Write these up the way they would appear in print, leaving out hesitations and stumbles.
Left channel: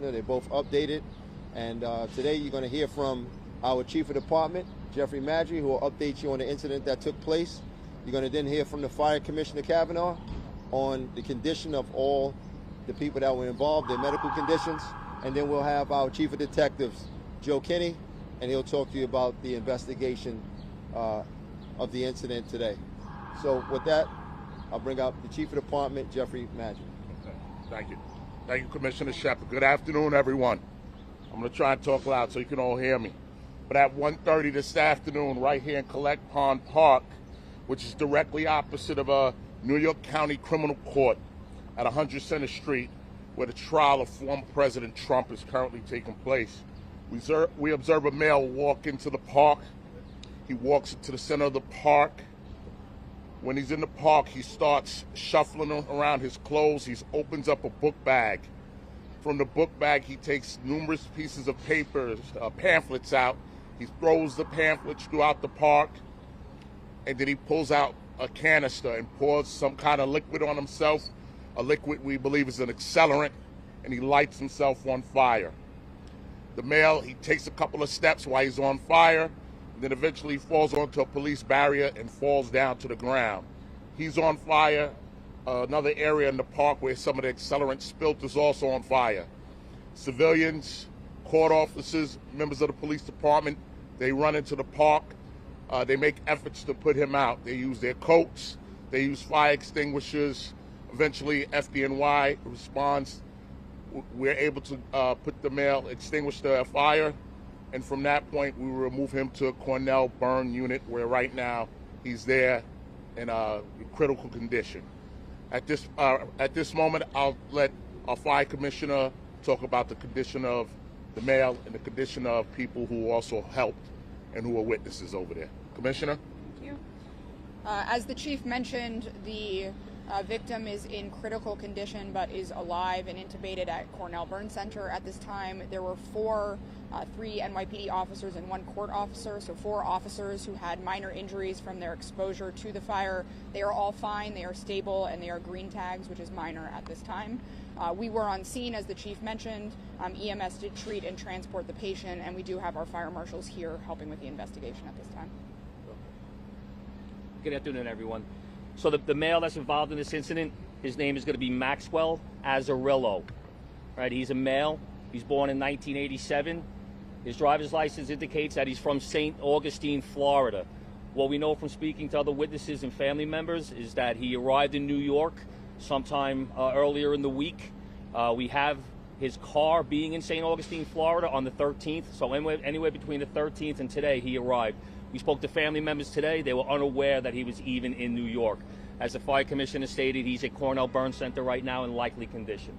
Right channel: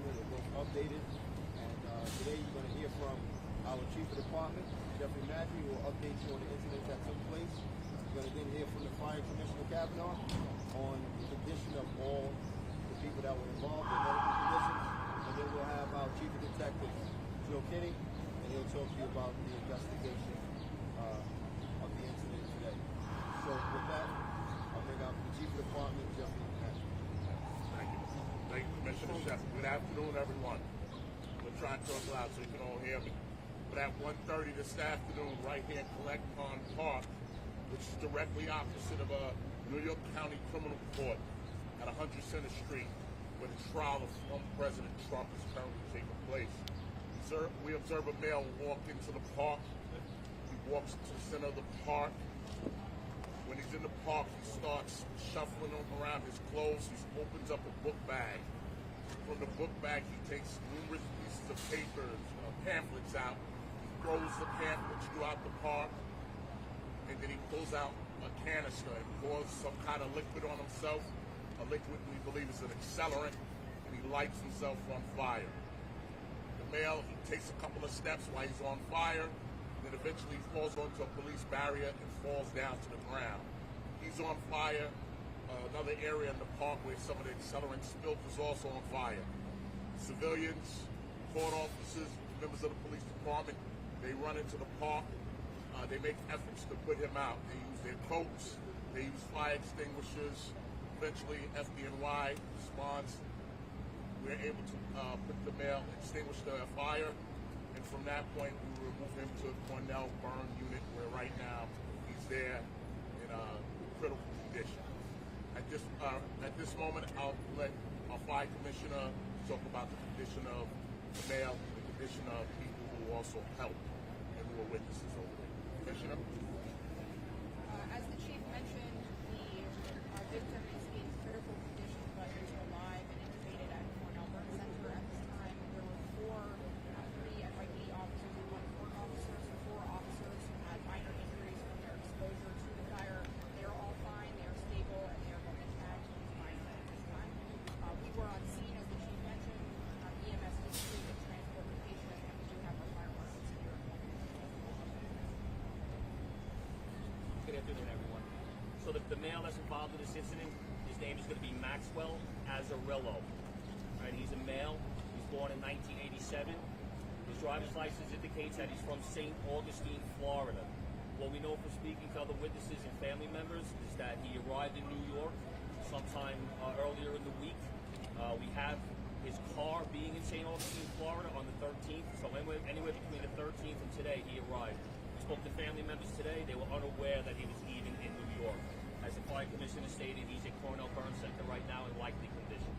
Commissioner. They're both updated. And today you're going to hear from our Chief of Department, Jeffrey Maddrey, who will update you on the incident that took place. You're going to then hear from the Fire Commissioner Kavanaugh on the condition of all the people that were involved, their medical conditions. And then we'll have our Chief of Detectives, Joe Kinney, and he'll talk to you about the investigation of the incident today. So with that, I'll bring out the Chief of Department, Jeffrey Maddrey. Thank you. Thank you, Commissioner Shepard. Good afternoon, everyone. I'm going to try and talk loud so you can all hear me. But at 1:30 this afternoon, right here in Collect Pond Park, which is directly opposite of a New York County Criminal Court at 100 Center Street, where the trial of former President Trump is currently taking place, we observe a male walk into the park. He walks to the center of the park. When he's in the park, he starts shuffling around his clothes. He opens up a book bag. From the book bag, he takes numerous pieces of paper, pamphlets out. He throws the pamphlets throughout the park, and then he pulls out a canister and pours some kind of liquid on himself, a liquid we believe is an accelerant, and he lights himself on fire. The male, he takes a couple of steps while he's on fire, then eventually falls onto a police barrier and falls down to the ground. He's on fire. Another area in the park where some of the accelerant spilt is also on fire. Civilians, court officers, members of the police department, they run into the park. They make efforts to put him out. They use their coats, they use fire extinguishers. Eventually, FDNY responds. We're able to put the male, extinguish the fire, and from that point, we remove him to a Cornell burn unit, where right now he's there in a critical condition. At this moment, I'll let our fire commissioner talk about the condition of the male and the condition of people who also helped and who are witnesses over there. Commissioner? Thank you. As the chief mentioned, the victim is in critical condition but is alive and intubated at Cornell Burn Center at this time. There were three NYPD officers and one court officer, so 4 officers who had minor injuries from their exposure to the fire. They are all fine, they are stable, and they are green tags, which is minor at this time. We were on scene, as the chief mentioned. EMS did treat and transport the patient, and we do have our fire marshals here helping with the investigation at this time. Good afternoon, everyone. So the male that's involved in this incident, his name is going to be Maxwell Azzarillo. Right, he's a male. He's born in 1987. His driver's license indicates that he's from St. Augustine, Florida. What we know from speaking to other witnesses and family members is that he arrived in New York sometime earlier in the week. We have his car being in St. Augustine, Florida on the 13th. So anywhere between the 13th and today, he arrived. We spoke to family members today. They were unaware that he was even in New York. As the fire commissioner stated, he's at Cornell Burn Center right now in likely condition.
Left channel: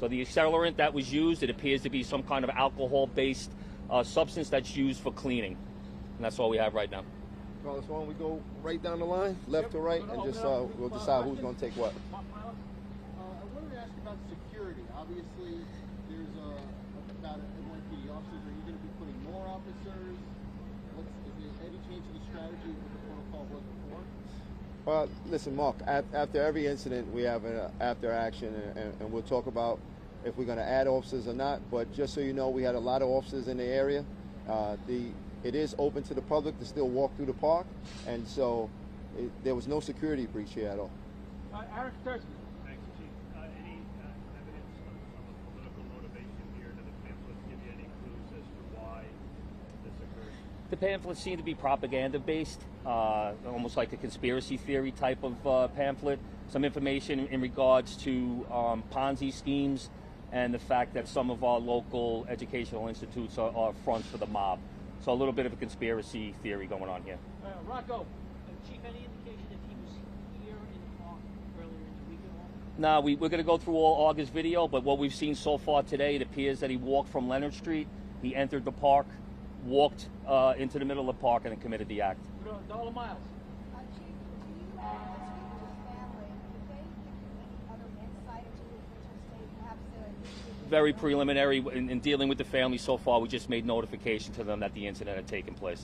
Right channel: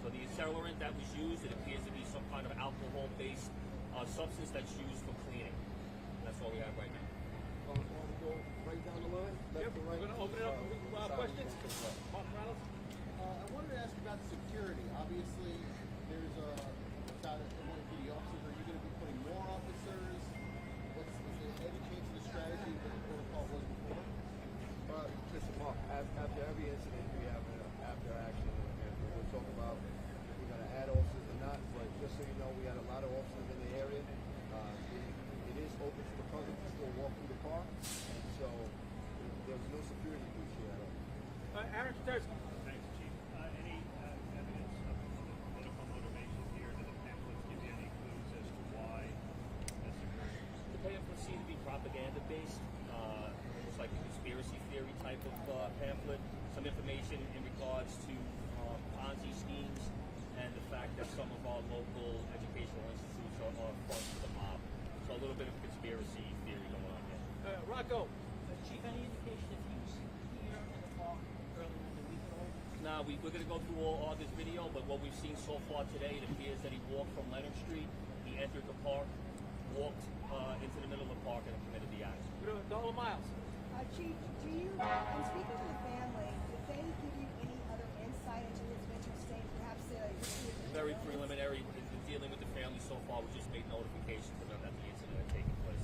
So the accelerant that was used, it appears to be some kind of alcohol-based substance that's used for cleaning. And that's all we have right now. Carlos, why don't we go right down the line, left to right, and just we'll decide who's going to take what. I wanted to ask you about security. Obviously, there's about NYPD officers. Are you going to be putting more officers? Is there any change to the strategy of what the protocol was before? Listen, Mark, after every incident, we have an after action, and we'll talk about if we're going to add officers or not. But just so you know, we had a lot of officers in the area. It is open to the public to still walk through the park, and so there was no security breach here at all. Aaron Thurston. Thanks, Chief. Any evidence of political motivation here? Did the pamphlets give you any clues as to why this occurred? The pamphlets seem to be propaganda-based, almost like a conspiracy theory type of pamphlet. Some information in regards to Ponzi schemes and the fact that some of our local educational institutes are fronts for the mob. So a little bit of a conspiracy theory going on here. Rocco. Chief, any indication if he was here in the park earlier this week at all? Now, we're going to go through all August video, but what we've seen so far today, it appears that he walked from Leonard Street, he entered the park, walked into the middle of the park, and then committed the act. Donald Miles. Chief, do you, in speaking to the family, did they give you any other insight into his mental state, perhaps Very preliminary in dealing with the family so far. We just made notification to them that the incident had taken place.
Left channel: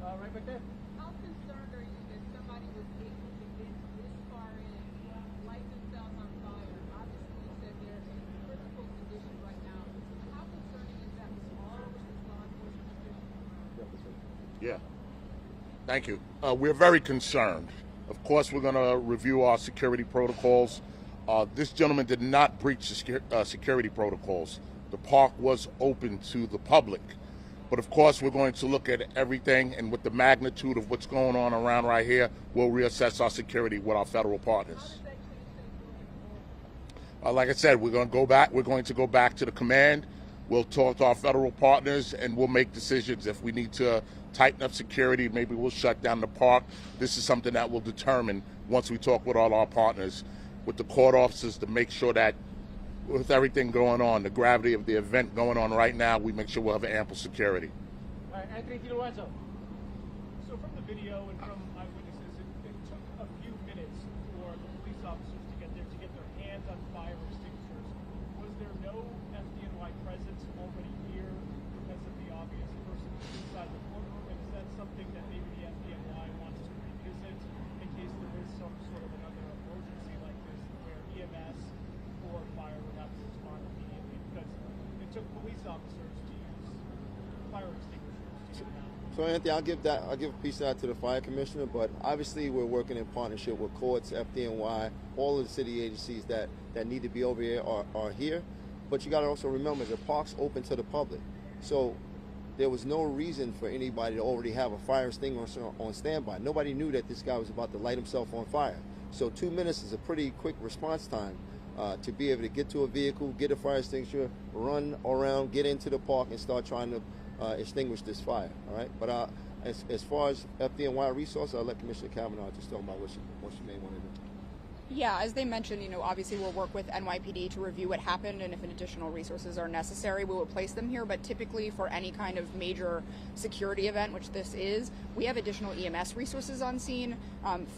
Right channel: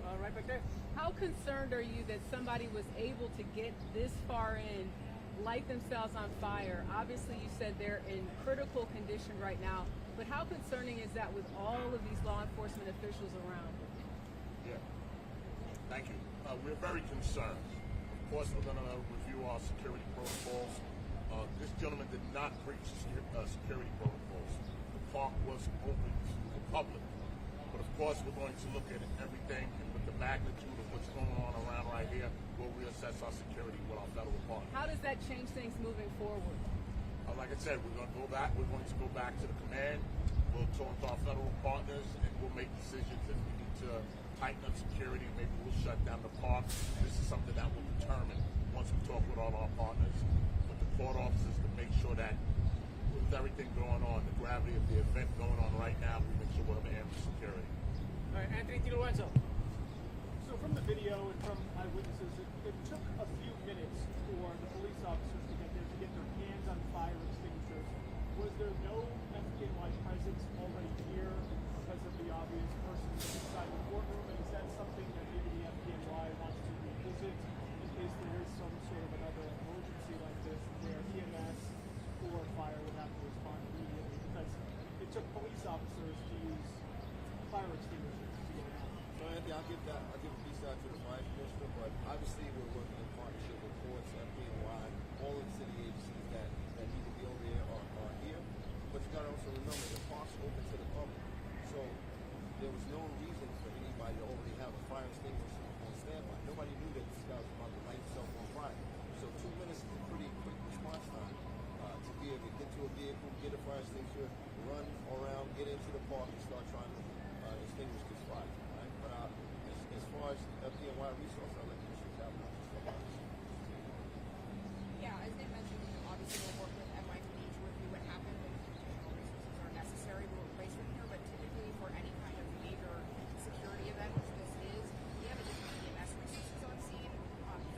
Right back there. How concerned are you that somebody was able to get this far in, light themselves on fire? Obviously, you said they're in critical condition right now, but How concerning is that with all of these law enforcement officials around? Yeah. Thank you. We're very concerned. Of course, we're going to review our security protocols. This gentleman did not breach the security protocols. The park was open to the public. But of course, we're going to look at everything, and with the magnitude of what's going on around right here, we'll reassess our security with our federal partners. How does that change things moving forward? Like I said, we're going to go back. We're going to go back to the command. We'll talk to our federal partners, and we'll make decisions. If we need to tighten up security, maybe we'll shut down the park. This is something that we'll determine once we talk with all our partners, with the court officers, to make sure that with everything going on, the gravity of the event going on right now, we make sure we'll have ample security. All right, Anthony DiLorenzo. So from the video and from eyewitnesses, it took a few minutes for the police officers to get there to get their hands on fire extinguishers. Was there no FDNY presence already here because of the obvious person inside the courtroom? And is that something that maybe the FDNY wants to revisit in case there is some sort of another emergency like this where EMS or fire would have to respond immediately? Because it took police officers to use fire extinguishers to get in. So Anthony, I'll give a piece of that to the fire commissioner, but obviously we're working in partnership with courts, FDNY, all of the city agencies that need to be over here are here. But you got to also remember the park's open to the public. So there was no reason for anybody to already have a fire extinguisher on standby. Nobody knew that this guy was about to light himself on fire. So 2 minutes is a pretty quick response time to be able to get to a vehicle, get a fire extinguisher, run around, get into the park, and start trying to extinguish this fire. All right. But as far as FDNY resources, I'll let Commissioner Kavanaugh just talk about what she may want to do. Yeah, as they mentioned, obviously we'll work with NYPD to review what happened, and if additional resources are necessary, we will place them here. But typically for any kind of major security event, which this is, we have additional EMS resources on scene.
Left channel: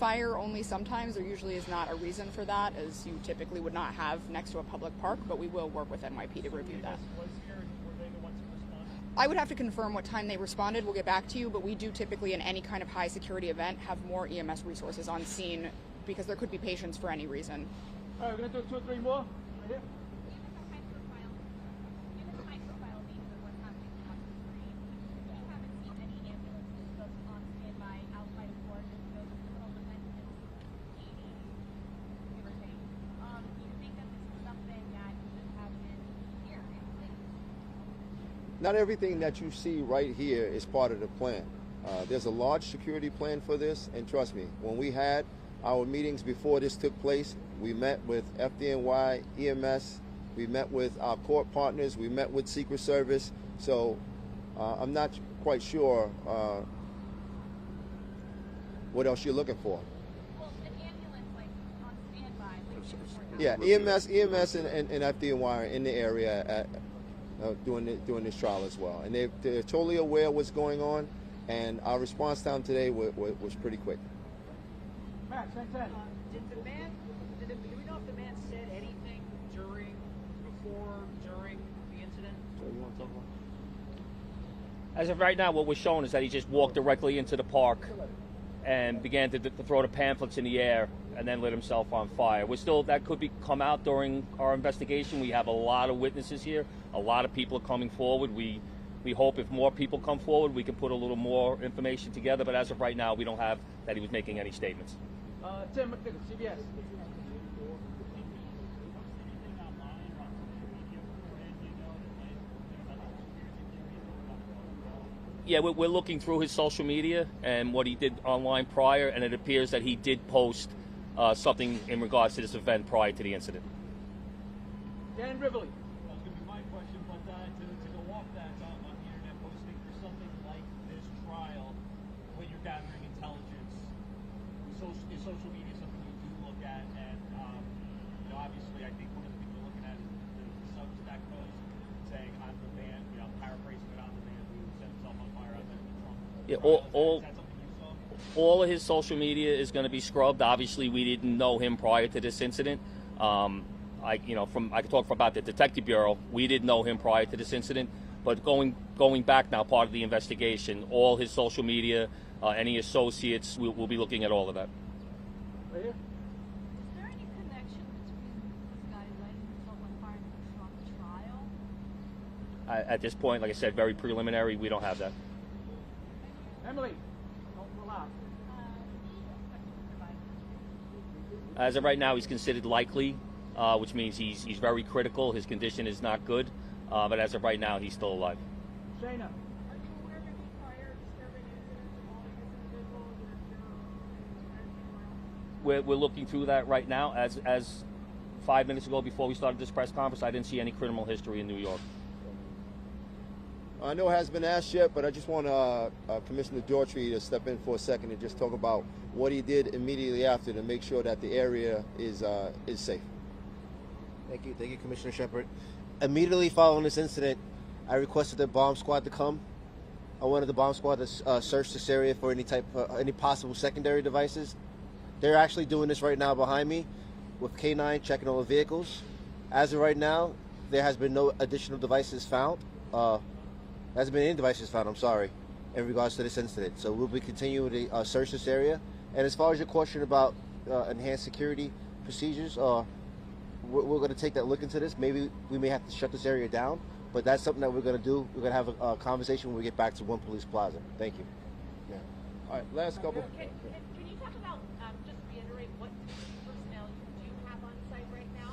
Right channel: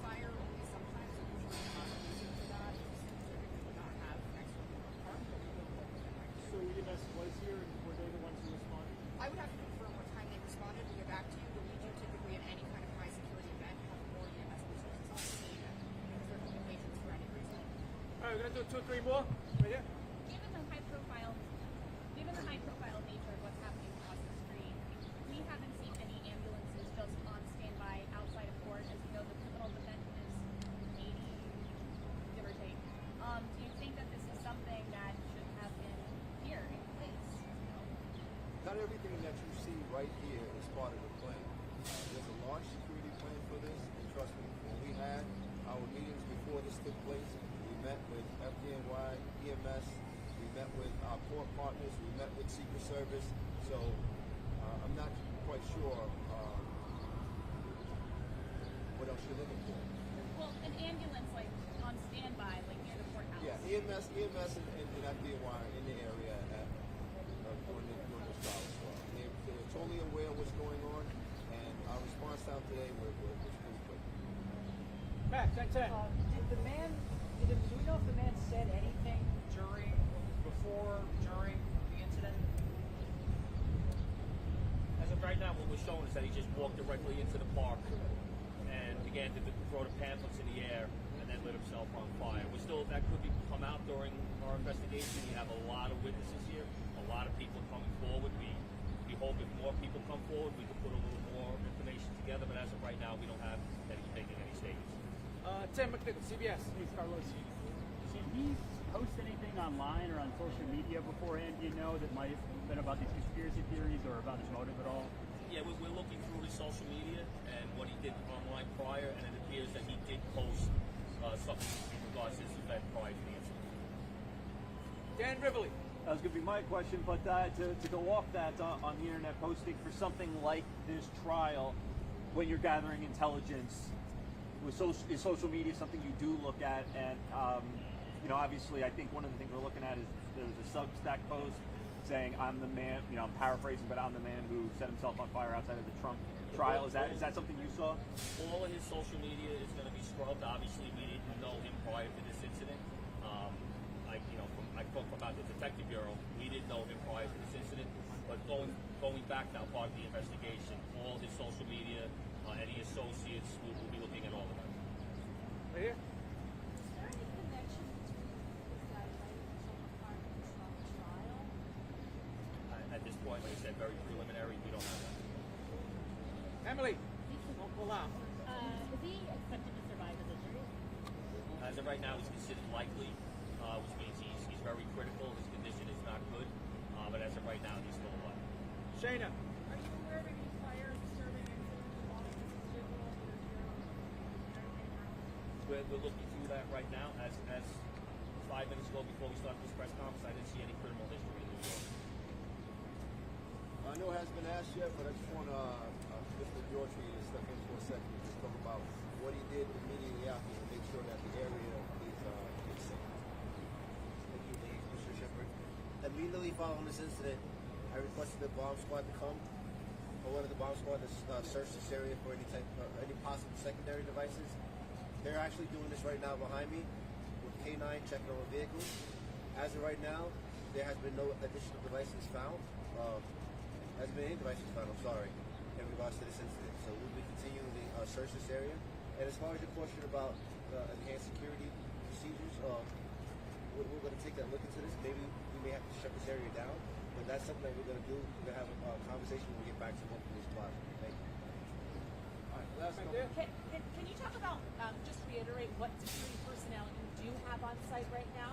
Fire only sometimes. There usually is not a reason for that, as you typically would not have next to a public park, but we will work with NYPD to review that. Was here and were they the ones who responded? I would have to confirm what time they responded. We'll get back to you, but we do typically in any kind of high security event have more EMS resources on scene because there could be patients for any reason. All right, we're gonna do 2 or 3 more. Right here. Given the high profile nature of what's happening across the street, we haven't seen any ambulances just on standby outside of court, as you know, the criminal defense is 80, give or take. Do you think that this is something that should happen here in place? Not everything that you see right here is part of the plan. There's a large security plan for this, and trust me, when we had our meetings before this took place, we met with FDNY, EMS, we met with our court partners, we met with Secret Service. So I'm not quite sure what else you're looking for. Well, an ambulance like on standby, like before Yeah, EMS and FDNY are in the area doing this trial as well, and they're totally aware of what's going on, and our response time today was pretty quick. Max, thanks, Ed. Do we know if the man said anything before, during the incident? As of right now, what we're showing is that he just walked directly into the park and began to throw the pamphlets in the air and then lit himself on fire. That could come out during our investigation. We have a lot of witnesses here. A lot of people are coming forward. We hope if more people come forward, we can put a little more information together. But as of right now, we don't have that he was making any statements. Tim McNichol, CBS. Did he post anything online or on social media beforehand, that might have been about these conspiracy theories or about his motive at all? Yeah, we're looking through his social media and what he did online prior, and it appears that he did post something in regards to this event prior to the incident. Dan Rivoli. That was going to be my question, but to go off that on the internet posting for something like this trial, when you're gathering intelligence, is social media something you do look at? And obviously, I think one of the things we're looking at is there's a Substack post saying, "I'm the man." I'm paraphrasing, but I'm the man who set himself on fire outside of the Trump trial. Is that something you saw? All of his social media is going to be scrubbed. Obviously, we didn't know him prior to this incident. I can talk about the Detective Bureau. We didn't know him prior to this incident, but going back now, part of the investigation, all his social media, any associates, we'll be looking at all of that. Right here. Is there any connection between this guy lighting himself on fire and the Trump trial? At this point, like I said, very preliminary. We don't have that. Emily, don't pull out. Is he expected to survive as a As of right now, he's considered likely, which means he's very critical. His condition is not good, but as of right now, he's still alive. Shayna. Are you aware of any prior disturbing incidents involving this individual in your We're looking through that right now. As 5 minutes ago, before we started this press conference, I didn't see any criminal history in New York. I know it hasn't been asked yet, but I just want Commissioner Daughtry to step in for a second and just talk about what he did immediately after to make sure that the area is safe. Thank you, Commissioner Shepard. Immediately following this incident, I requested the bomb squad to come. I wanted the bomb squad to search this area for any possible secondary devices. They're actually doing this right now behind me with K9 checking all the vehicles. As of right now, there has been no additional devices found. There hasn't been any devices found, I'm sorry, in regards to this incident. So we'll be continuing to search this area. And as far as your question about enhanced security procedures, we're going to take that look into this. Maybe we may have to shut this area down, but that's something that we're going to do. We're going to have a conversation when we get back to One Police Plaza. Thank you. Yeah. All right, last couple. Can you talk about, just reiterate what security personnel you do have on site right now?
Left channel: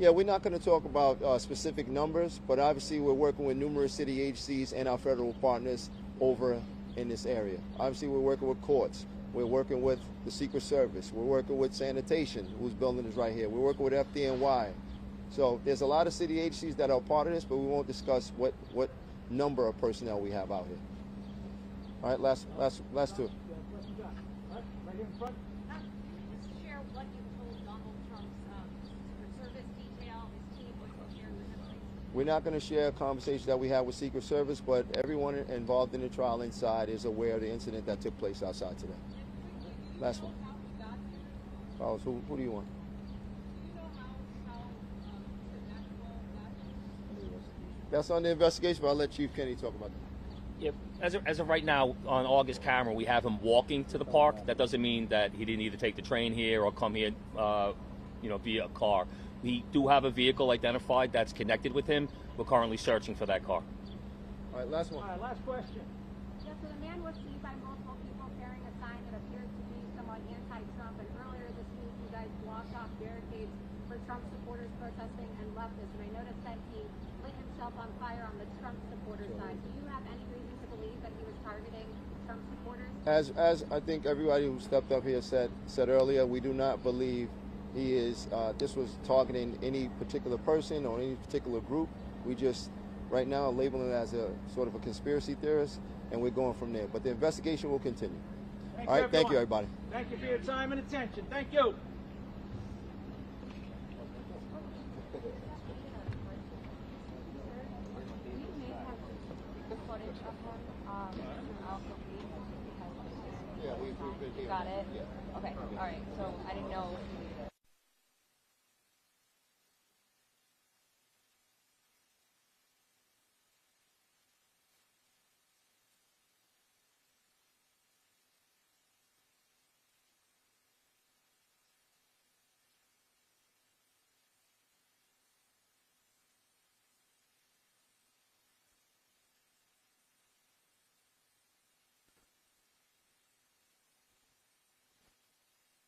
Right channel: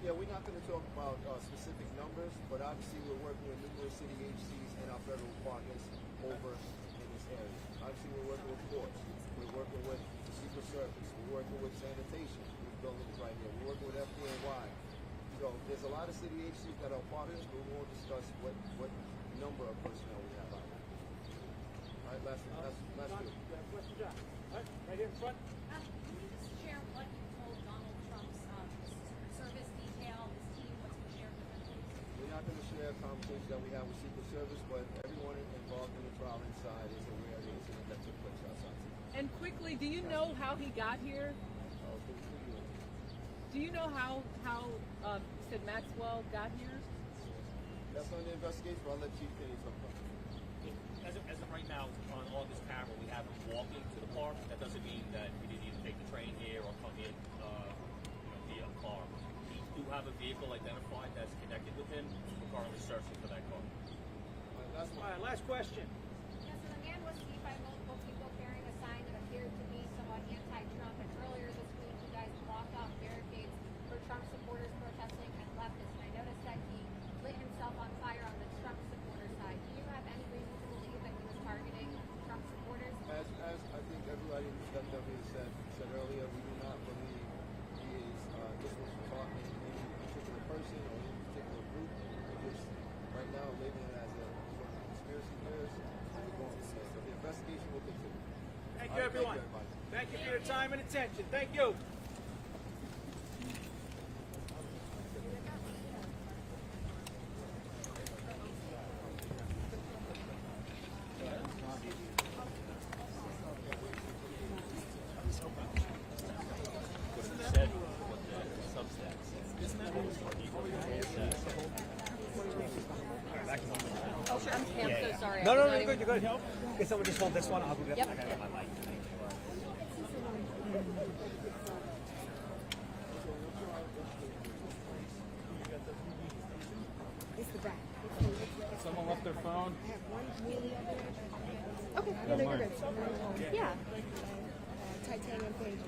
Yeah, we're not going to talk about specific numbers, but obviously we're working with numerous city agencies and our federal partners over in this area. Obviously we're working with courts. We're working with the Secret Service. We're working with sanitation, whose building is right here. We're working with FDNY. So there's a lot of city agencies that are part of this, but we won't discuss what number of personnel we have out here. All right, last two. Right in front. Can you share what you told Donald Trump's service detail, his team, what's been shared with him? We're not going to share a conversation that we had with Secret Service, but everyone involved in the trial inside is aware of the incident that took place outside today. And quickly, do you Last know one. how he got here? Oh, so who do you want? Do you know how you said Maxwell got here? That's on the investigation, but I'll let Chief Kenny talk about that. Yep. As of right now, on August camera, we have him walking to the park. That doesn't mean that he didn't either take the train here or come here, via a car. We do have a vehicle identified that's connected with him. We're currently searching for that car. All right, last one. All right, last question. Yeah, so the man was seen by multiple people carrying a sign that appeared to be somewhat anti-Trump, and earlier this week you guys blocked off barricades for Trump supporters protesting and leftists, and I noticed that he lit himself on fire on the Trump supporter side. Do you have any reason to believe that he was targeting Trump supporters? As I think everybody who stepped up here said earlier, we do not believe he is. This was targeting any particular person or any particular group. We just right now labeling it as a sort of a conspiracy theorist, and we're going from there. But the investigation will continue. All right, thank you, everybody. Thank you for your time and attention. Thank you. Got it. Okay. All right. So I didn't know. Oh, sure. I'm so sorry. No, I was you're not good, even- you're good. Can someone just hold this one? I'll do that. Yep. It's the back. Someone left their phone. Okay, yeah, no, you're good. Yeah. Titanium page.